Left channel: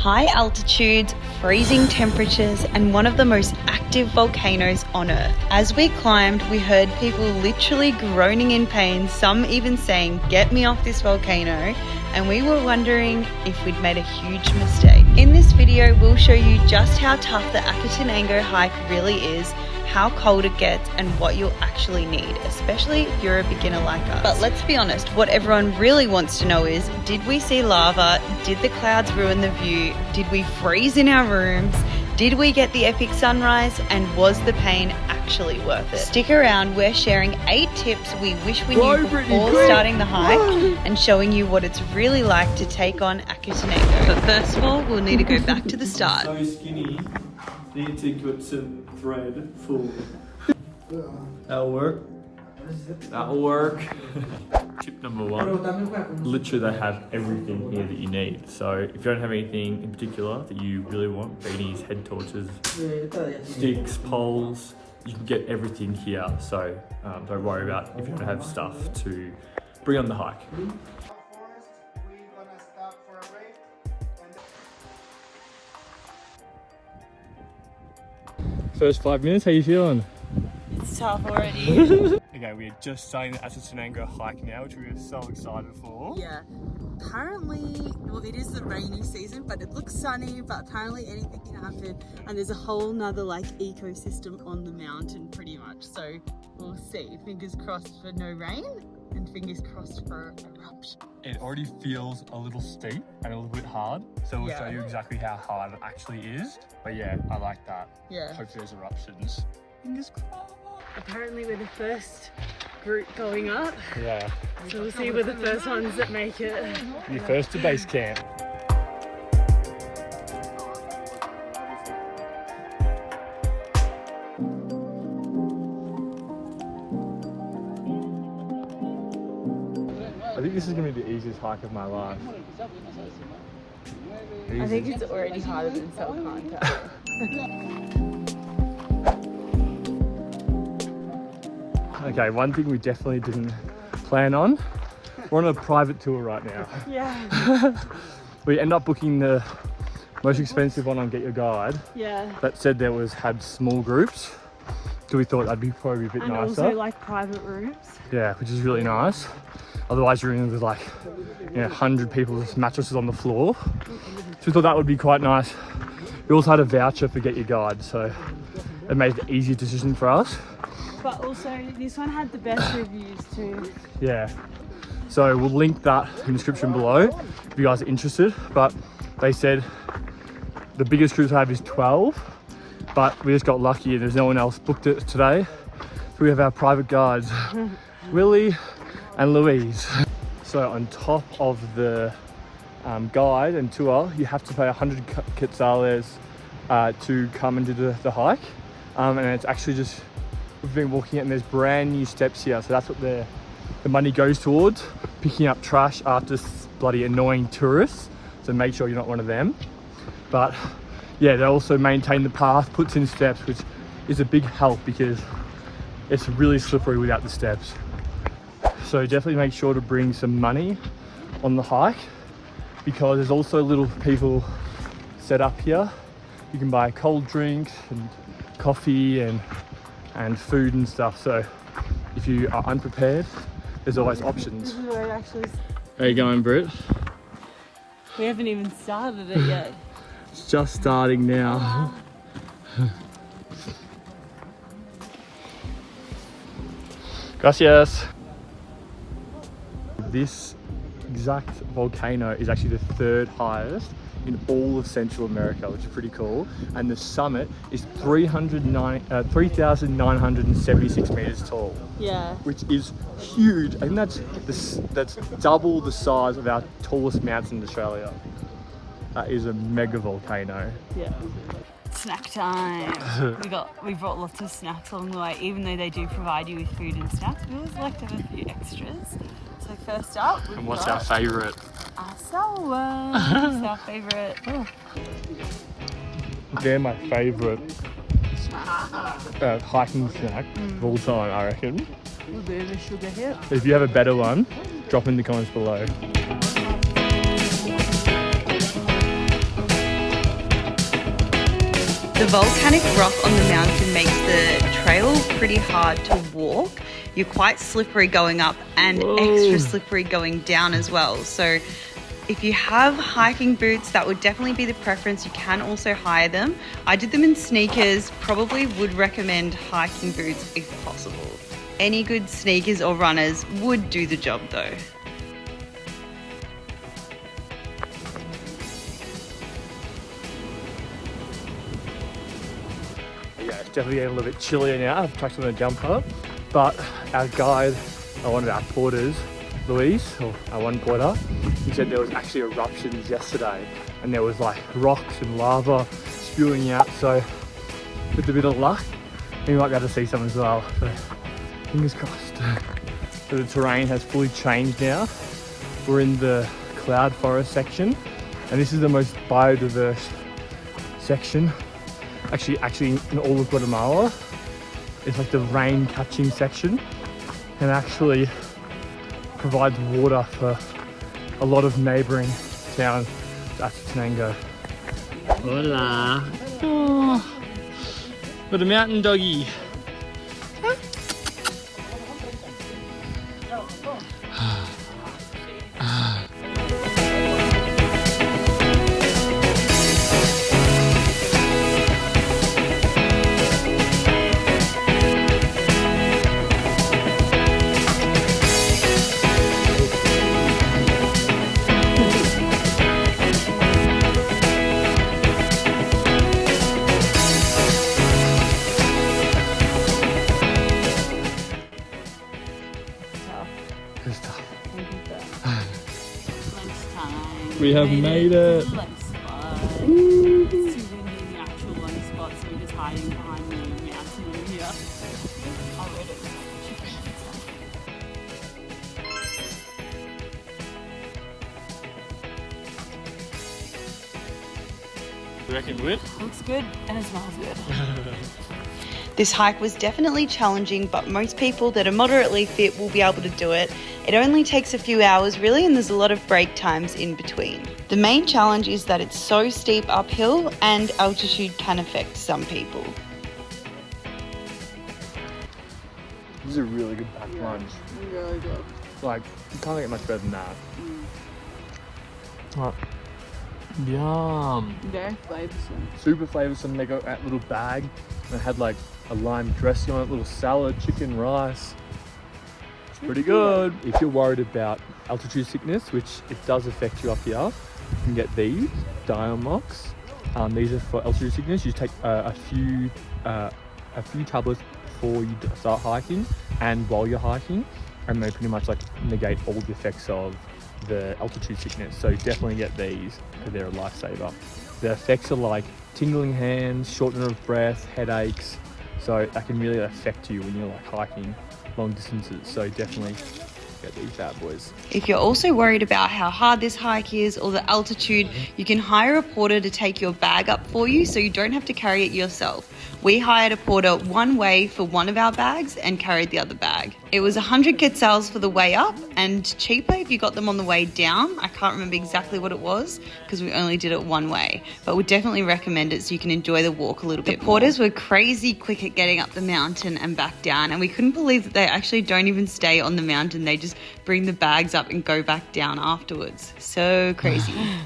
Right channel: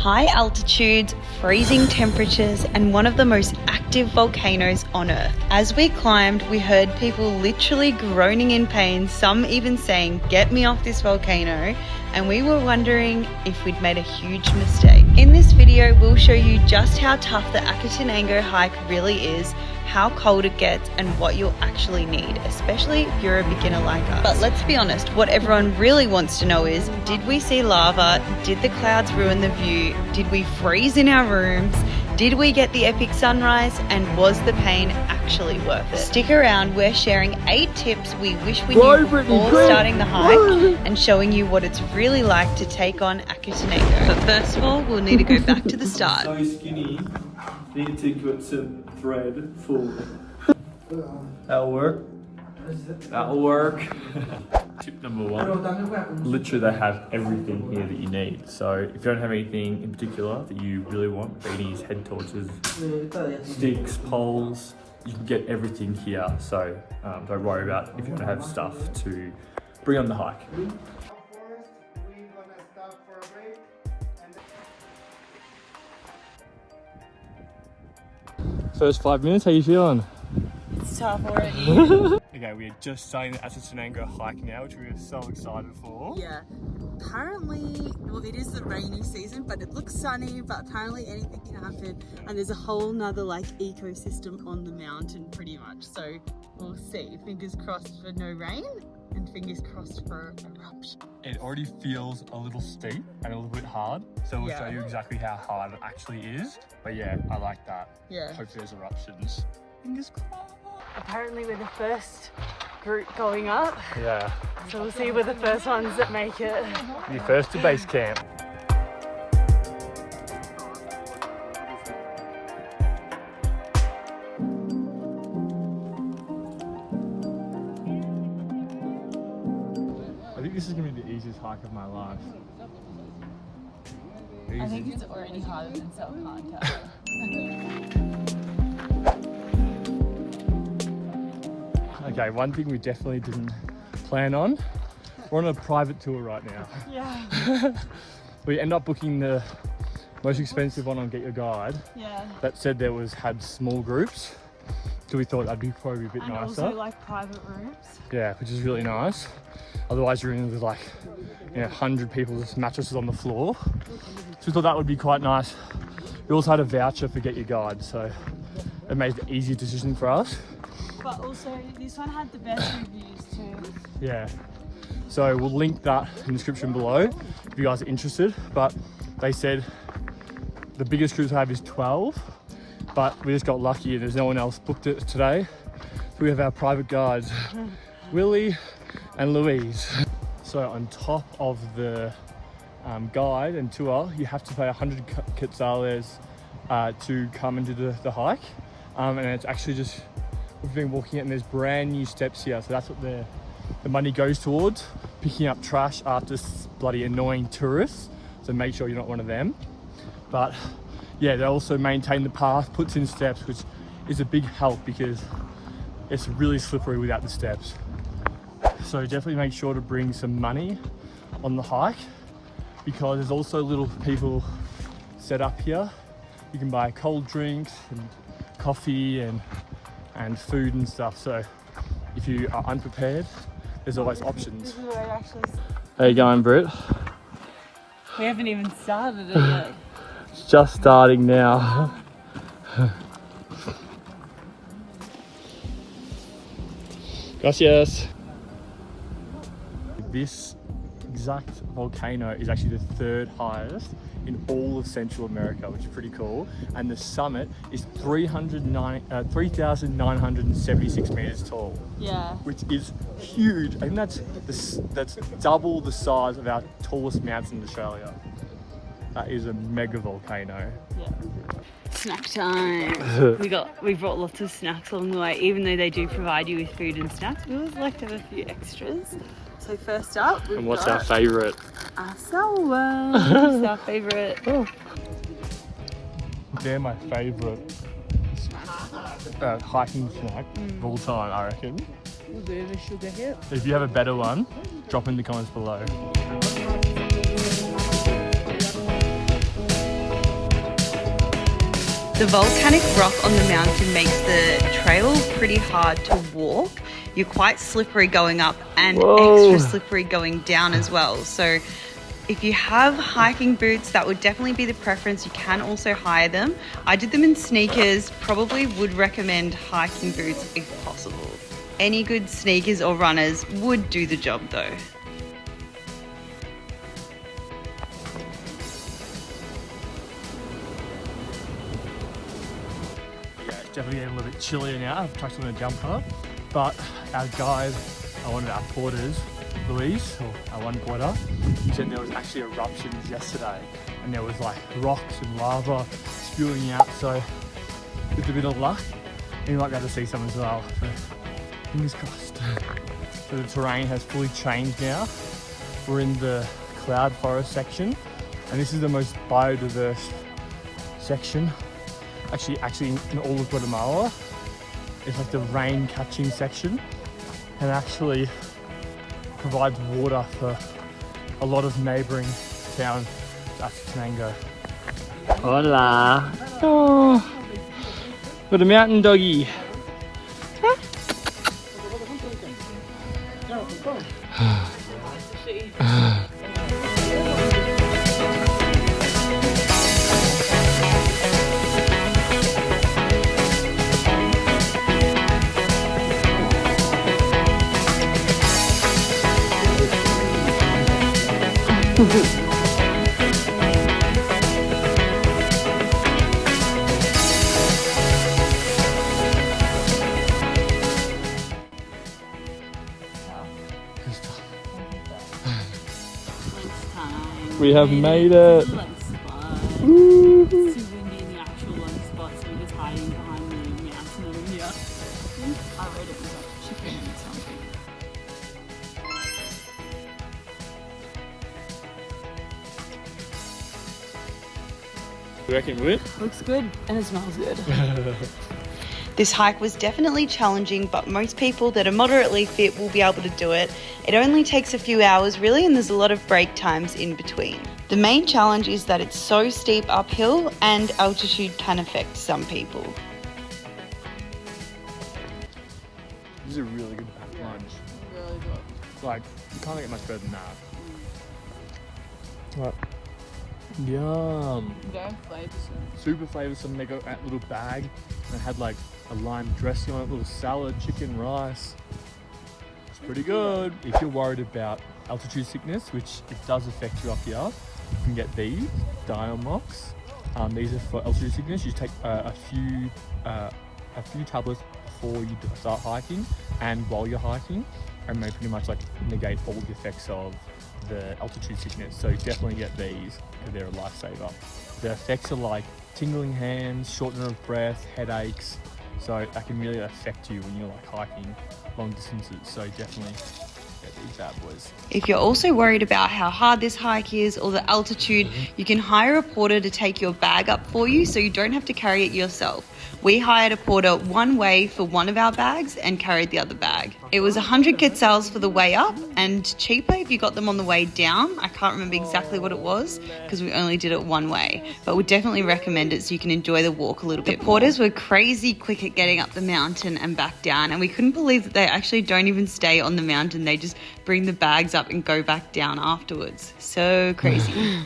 High altitudes, freezing temperatures, and one of the most active volcanoes on Earth. As we climbed, we heard people literally groaning in pain, some even saying, "Get me off this volcano," and we were wondering if we'd made a huge mistake. In this video, we'll show you just how tough the Acatenango hike really is, how cold it gets, and what you'll actually need, especially if you're a beginner like us. But let's be honest, what everyone really wants to know is, did we see lava? Did the clouds ruin the view? Did we freeze in our rooms? Did we get the epic sunrise? And was the pain actually worth it? Stick around, we're sharing 8 tips we wish we knew before starting the hike and showing you what it's really like to take on Acatenango. But first of all, we'll need to go back to the start. So skinny, need to put some thread forward. That'll work. That'll work. Tip number 1. Literally they have everything here that you need. So if you don't have anything in particular that you really want, beanies, head torches, sticks, poles, you can get everything here. So don't worry about if you don't have stuff to bring on the hike. First 5 minutes, how you feeling? It's tough already. Okay, we are just starting the Acatenango hike now, which we are so excited for. Yeah, apparently, well, it is the rainy season, but it looks sunny, but apparently anything can happen. And there's a whole nother like ecosystem on the mountain pretty much. So we'll see. Fingers crossed for no rain and fingers crossed for eruption. It already feels a little steep and a little bit hard. So we'll show you exactly how hard it actually is. But yeah, I like that. Yeah. Hopefully there's eruptions. Fingers crossed. Apparently we're the first group going up. Yeah. So we'll see we're the first ones that make it. You're first to base camp. I think this is going to be the easiest hike of my life. I think it's already harder than self-contact. Okay, one thing we definitely didn't plan on, we're on a private tour right now. Yeah. We end up booking the most expensive one on Get Your Guide. Yeah. That said had small groups, so we thought that'd be probably a bit and nicer. Also like private rooms. Yeah, which is really nice. Otherwise you're in with like 100 people's mattresses on the floor. So we thought that would be quite nice. We also had a voucher for Get Your Guide, so it made the easier decision for us. But also, this one had the best reviews too. Yeah. So we'll link that in the description below if you guys are interested. But they said the biggest cruise I have is 12, but we just got lucky and there's no one else booked it today. So we have our private guides, Willie and Louise. So on top of the guide and tour, you have to pay 100 quetzales to come and do the hike. And it's actually just, we've been walking it and there's brand new steps here. So that's what the money goes towards, picking up trash after bloody annoying tourists. So make sure you're not one of them. But yeah, they also maintain the path, puts in steps, which is a big help because it's really slippery without the steps. So definitely make sure to bring some money on the hike because there's also little people set up here. You can buy cold drinks and coffee and food and stuff. So if you are unprepared, there's always options. This is where it actually is. How you going, Britt? We haven't even started it yet. It's just starting now. Gracias. This exact volcano is actually the 3rd highest in all of Central America, which is pretty cool. And the summit is 3,976 meters tall. Yeah. Which is huge. I think that's double the size of our tallest mountain in Australia. That is a mega volcano. Yeah. Snack time. we brought lots of snacks along the way, even though they do provide you with food and snacks. We always like to have a few extras. So first up, and what's our favourite? Our salmon. Our favourite. Oh. They're my favourite hiking snack of all time, I reckon. If you have a better one, drop in the comments below. The volcanic rock on the mountain makes the trail pretty hard to walk. You're quite slippery going up and extra slippery going down as well. So if you have hiking boots, that would definitely be the preference. You can also hire them. I did them in sneakers, probably would recommend hiking boots if possible. Any good sneakers or runners would do the job though. Definitely getting a little bit chillier now. I've tucked on a jumper, but our guide, one of our porters, Louise, or our one porter, he said there was actually eruptions yesterday, and there was like rocks and lava spewing out. So with a bit of luck, we might be able to see some as well. So fingers crossed. So the terrain has fully changed now. We're in the cloud forest section, and this is the most biodiverse section. Actually in all of Guatemala. It's like the rain catching section, and actually provides water for a lot of neighbouring towns, Acatenango. Hola. Oh, with a mountain doggy. We have made it. You reckon good? Looks good and it smells good. This hike was definitely challenging, but most people that are moderately fit will be able to do it. It only takes a few hours really, and there's a lot of break times in between. The main challenge is that it's so steep uphill and altitude can affect some people. This is a really good pack lunch. Really good. Like, you can't get much better than that. Oh, yum. Very flavoursome. Super flavoursome. They got that little bag, and it had like a lime dressing on it, little salad, chicken, rice. It's pretty good. If you're worried about altitude sickness, which it does affect you up here, you can get these Diamox. These are for altitude sickness. You take a few tablets before you start hiking and while you're hiking, and they pretty much like negate all the effects of the altitude sickness. So definitely get these because they're a lifesaver. The effects are like tingling hands, shortness of breath, headaches. So that can really affect you when you're like hiking long distances. So definitely get these bad boys. If you're also worried about how hard this hike is or the altitude, you can hire a porter to take your bag up for you so you don't have to carry it yourself. We hired a porter one way for one of our bags and carried the other bag. It was 100 quetzals for the way up and cheaper if you got them on the way down. I can't remember exactly what it was because we only did it one way, but would definitely recommend it so you can enjoy the walk a little bit. The porters were crazy quick at getting up the mountain and back down, and we couldn't believe that they actually don't even stay on the mountain. They just bring the bags up and go back down afterwards. So crazy.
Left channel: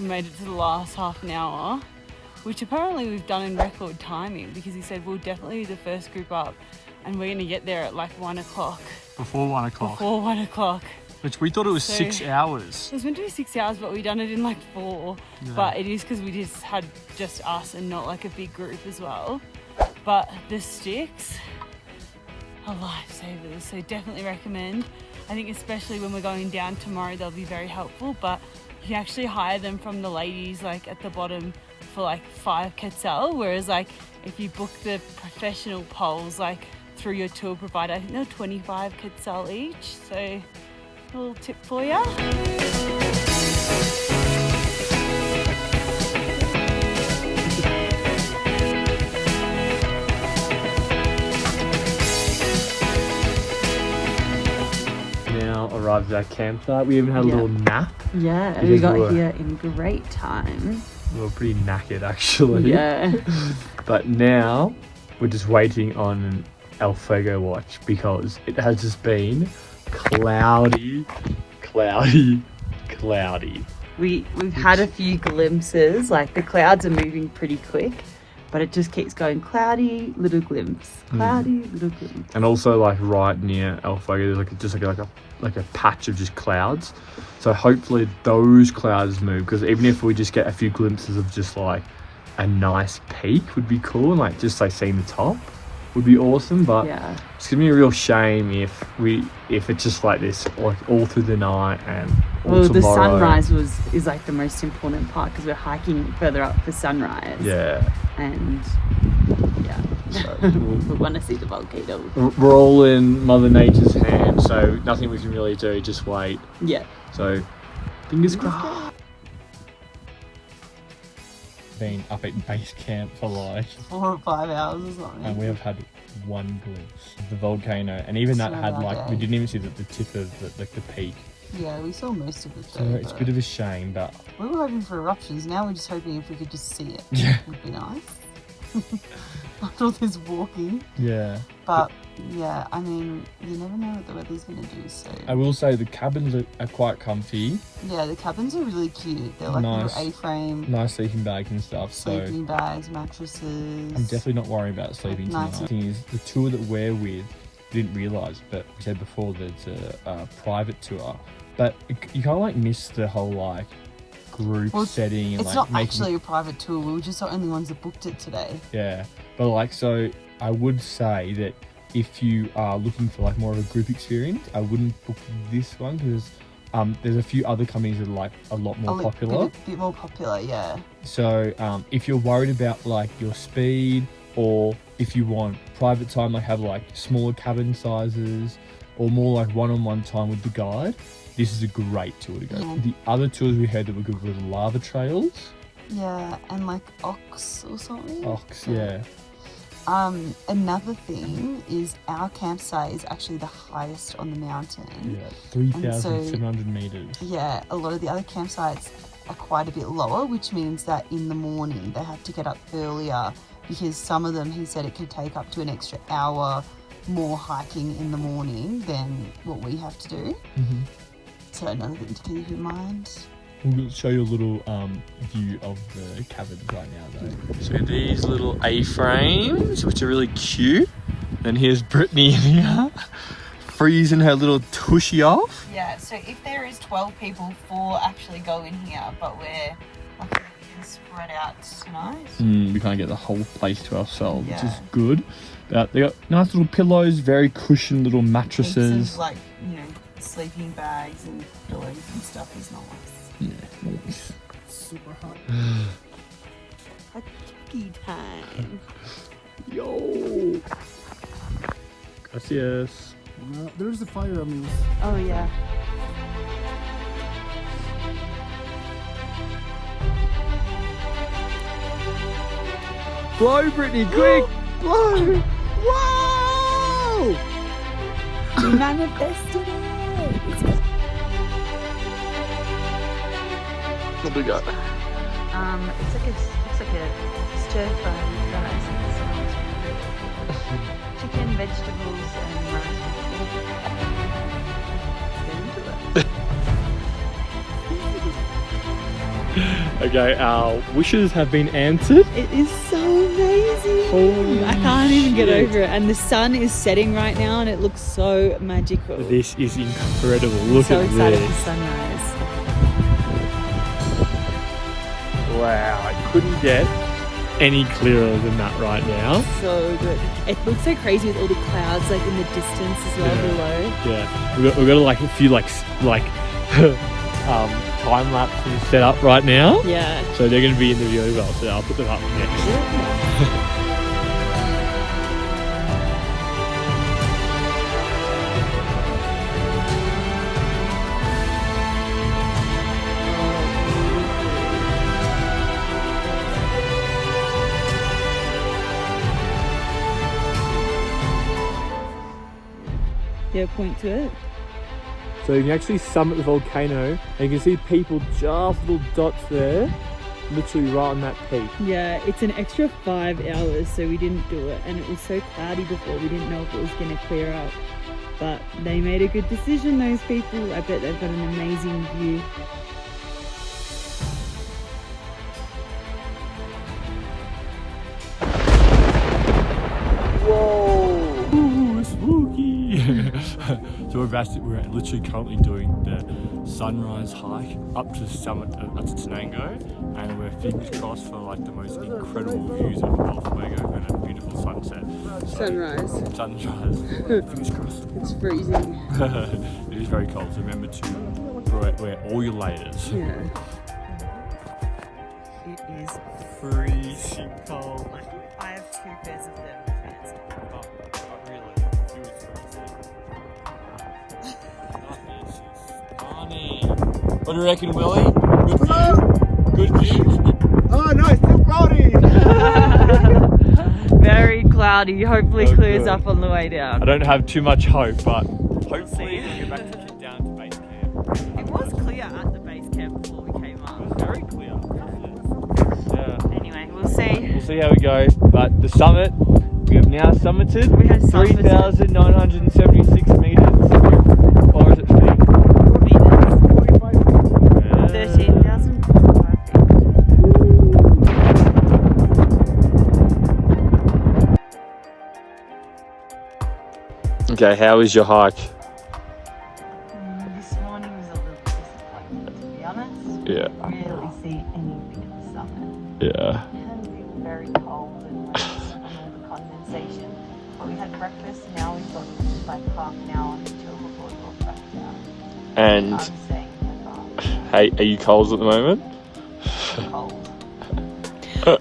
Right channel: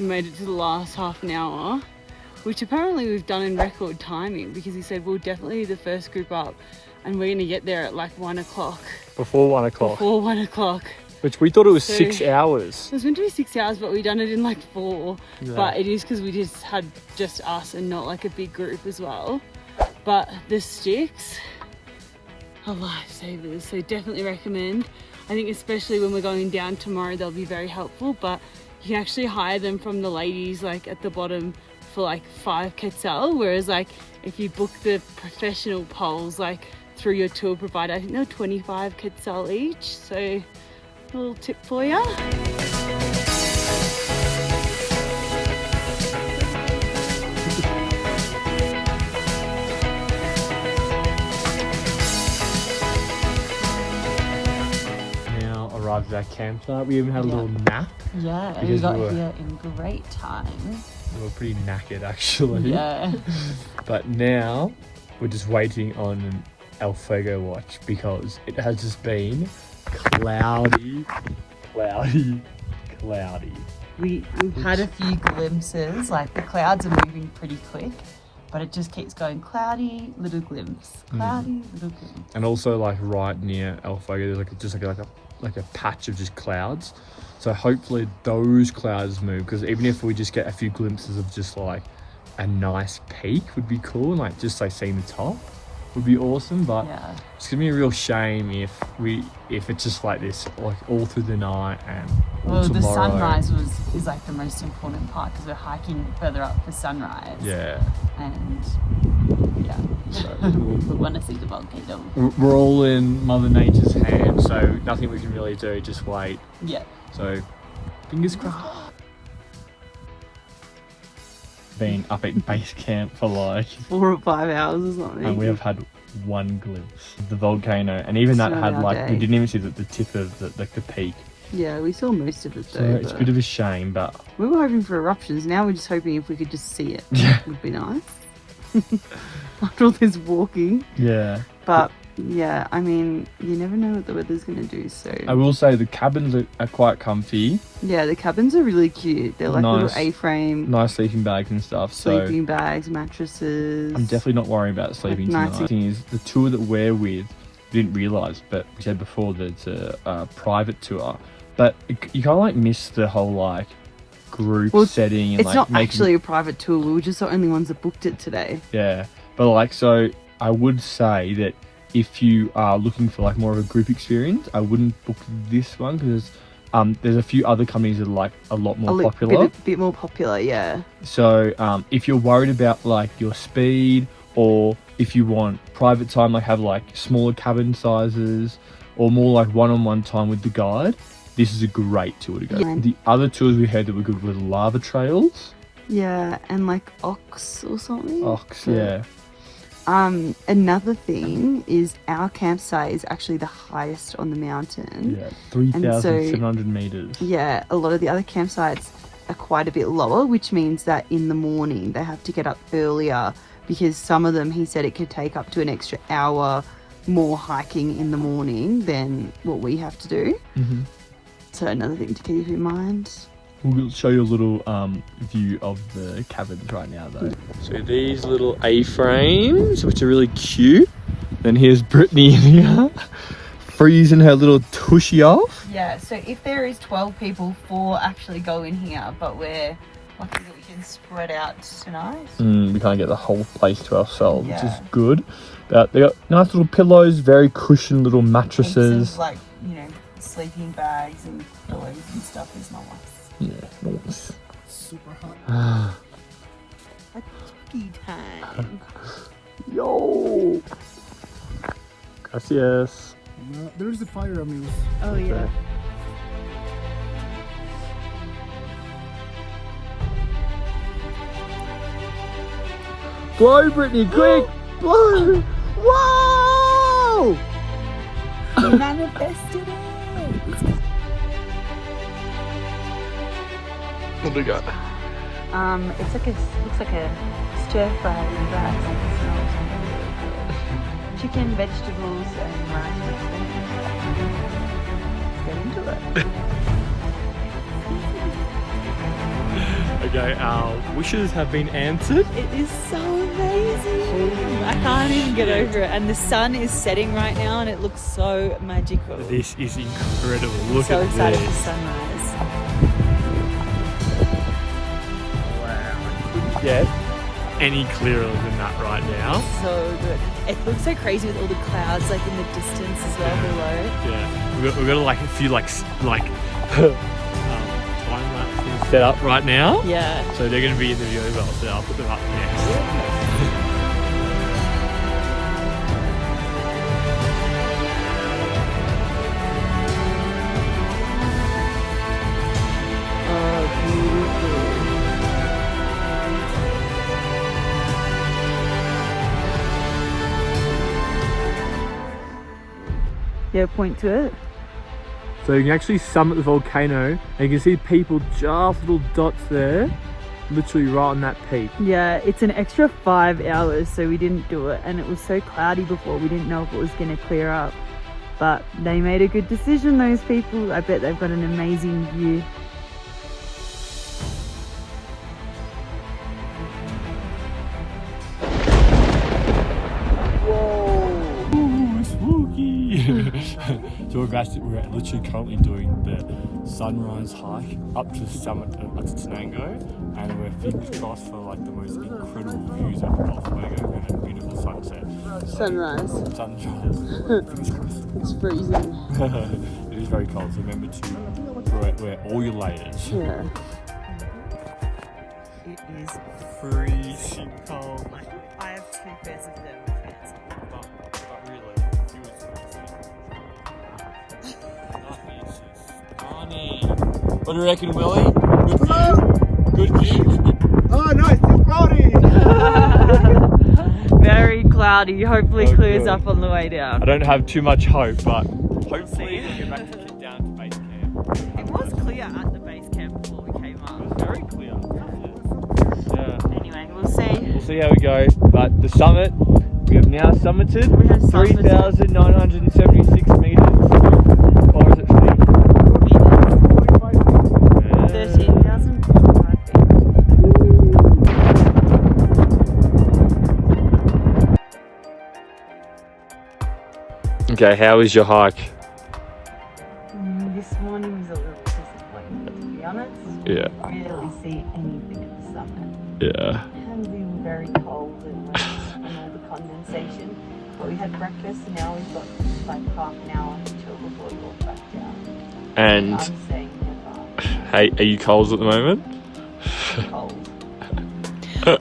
We made it to the last half an hour, which apparently we've done in record timing because he said we'll definitely be the first group up and we're going to get there at like 1 o'clock. Before 1 o'clock. Before 1 o'clock. Which we thought it was So, 6 hours. It was meant to be 6 hours, but we done it in like 4. Yeah. But it is because we just had just us and not like a big group as well. But the sticks are lifesavers, so definitely recommend. I think especially when we're going down tomorrow, they'll be very helpful, but you can actually hire them from the ladies like at the bottom for like 5 quetzal, whereas like if you book the professional poles like through your tour provider, I think they're 25 quetzal each. So a little tip for you. Arrived at our campsite. We even had a little nap. Yeah, Because we got we were- here in great time. We were pretty knackered actually. Yeah. But now we're just waiting on El Fuego watch because it has just been cloudy. We've had a few glimpses, like the clouds are moving pretty quick, but it just keeps going cloudy, little glimpse, cloudy, little glimpse. And also like right near El Fuego, there's like a patch of just clouds. So hopefully those clouds move, because even if we just get a few glimpses of just like a nice peak would be cool, and like just like seeing the top would be awesome. But Yeah. it's gonna be a real shame if it's just like this like all through the night and all Well, the tomorrow. sunrise is like the most important part because we're hiking further up for sunrise. Yeah. And yeah, so we want to see the volcano. We're all in Mother Nature's hands, so nothing we can really do, just wait. Yeah. So, fingers crossed. Been up at base camp for like 4 or 5 hours or something. and we have had one glimpse of the volcano, and even that It's had not like our we day. didn't even see the tip of the peak. Yeah, we saw most of it So though. it's a but bit of a shame, but we were hoping for eruptions. Now we're just hoping if we could just see it, yeah, would be nice. After all this walking. yeah. But yeah, I mean, you never know what the weather's going to do. So I will say the cabins are quite comfy, yeah, the cabins are really cute. They're like Nice. little A-frame, nice sleeping bags and stuff. So sleeping bags, mattresses. I'm definitely not worrying about sleeping Nice. tonight. The thing is, the tour that we're with, we didn't realise, but we said before that it's a private tour. But you kind of like miss the whole like group Well, setting and It's like not making actually a private tour. We were just the only ones that booked it today. yeah. But like, so I would say that if you are looking for like more of a group experience, I wouldn't book this one because there's a few other companies that are like a lot more popular. Bit more popular, yeah. So if you're worried about like your speed, or if you want private time, like have like smaller cabin sizes, or more like one-on-one time with the guide, this is a great tour to go. Yeah. The other tours we had that were good were the lava trails. Yeah, and like ox or something. Ox, yeah. Another thing is our campsite is actually the highest on the mountain. Yeah, 3,700 meters. Yeah, a lot of the other campsites are quite a bit lower, which means that in the morning they have to get up earlier because some of them, he said, it could take up to an extra hour more hiking in the morning than what we have to do. Mm-hmm. So another thing to keep in mind. We'll show you a little view of the cabins right now though. So these little A-frames, which are really cute. Then here's Brittany in here, freezing her little tushy off. Yeah, so if there is 12 people, 4 actually go in here, but we're lucky that we can spread out tonight. We can't get the whole place to ourselves, Yeah. which is good. But they got nice little pillows, very cushioned little Heaps mattresses. of, like, you know, sleeping bags and pillows and stuff is nice. Yeah, nice. Super hot. A turkey time. Yo! Gracias. There's a fire, amigos. Oh yeah. Blow, Brittany, quick! Blow! Whoa! We manifested it. What do we got? It's like looks like a stir fry with rice. And chicken, vegetables, and rice with corn. Get into it. Okay, our wishes have been answered. It is so amazing. Holy I can't even get shit. over it. And the sun is setting right now, and it looks so magical. This is incredible. Look so at excited for this. sunrise. Wow, I couldn't get any clearer than that right now. So good. It looks so crazy with all the clouds like in the distance as well Yeah. below. Yeah, we've got like a few like time lapse and set up right now. Yeah. So they're going to be in the video as well. So I'll put them up next. Yeah, point to it. So you can actually summit the volcano. And you can see people, just little dots there. literally right on that peak. Yeah, it's an extra 5 hours, so we didn't do it, and it was so cloudy before we didn't know if it was going to clear up. But they made a good decision, those people. I bet they've got an amazing view. Whoa! Ooh, spooky! So we're literally currently doing the sunrise hike up to the summit of Acatenango, and we're fingers crossed for like the most incredible views of Volcano Fuego and a beautiful sunset. Sunrise. Sunrise. Fingers crossed. It's freezing. It is very cold, so remember to wear all your layers. Yeah. It is Freezing cold. I have 2 pairs of thermal pants. But really, you was That is stunning. What do you reckon, Willie? Good view? Good view? Oh no, it's too cloudy! Very cloudy. Hopefully Oh, clears good. up on the way I down. don't have too much hope, but hopefully we'll get back to get down to base camp. It was clear at the base camp before we came It up. was very clear, wasn't it? Yeah. Anyway, we'll see. We'll see how we go. But the summit, we have now summited. We have summited. 3,976 meters. How far is it feet? 13,000. Okay, how is your hike? This one was a little disappointing, to be honest. Yeah. Didn't really see anything at the summit. Yeah. And we were very cold and and all the condensation. But we had breakfast and now we've got like half an hour to chill before we walk back down. And I'm staying in the farm. hey, are you cold at the moment? Cold.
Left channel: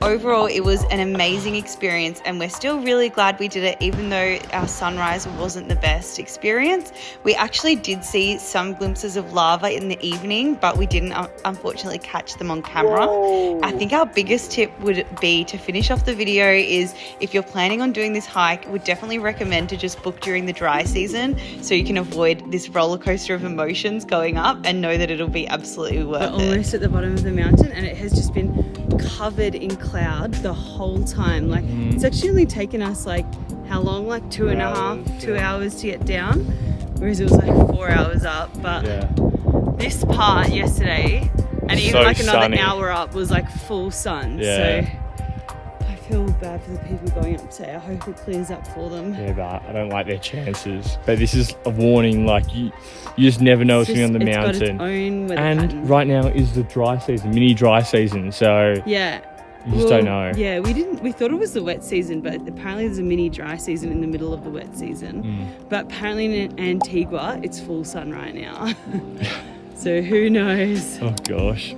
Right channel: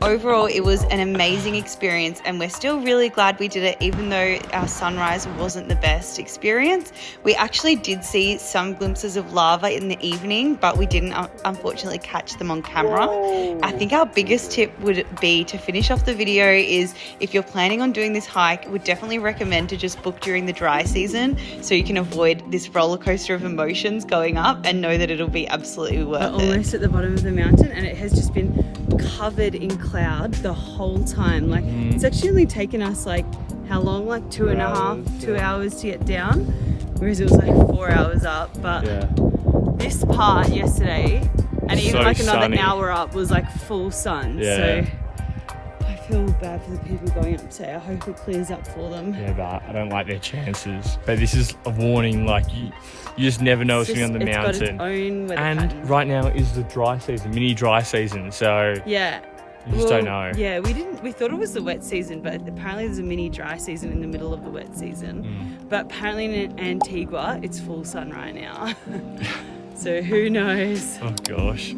Overall, it was an amazing experience, and we're still really glad we did it, even though our sunrise wasn't the best experience. We actually did see some glimpses of lava in the evening, but we didn't unfortunately catch them on camera. Whoa. I think our biggest tip would be to finish off the video is if you're planning on doing this hike, would definitely recommend to just book during the dry season so you can avoid this roller coaster of emotions going up and know that it'll be absolutely worth We're it. almost at the bottom of the mountain, and it has just been covered in cloud the whole time. Like it's actually only taken us like how long? Like 2 hours to get down, whereas it was like 4 hours up. But Yeah. this part yesterday, and even So like another sunny. hour up, was like full sun. Yeah. So I feel bad for the people going up today. I hope it clears up for them. Yeah, but I don't like their chances. But this is a warning, like you just never know what's going on the It's got its mountain. own weather And pattern. right now is the dry season, mini dry season, so Yeah. you just don't know. Yeah, we thought it was the wet season, but apparently there's a mini dry season in the middle of the wet season. But apparently in Antigua, it's full sun right now. So who knows? Oh gosh.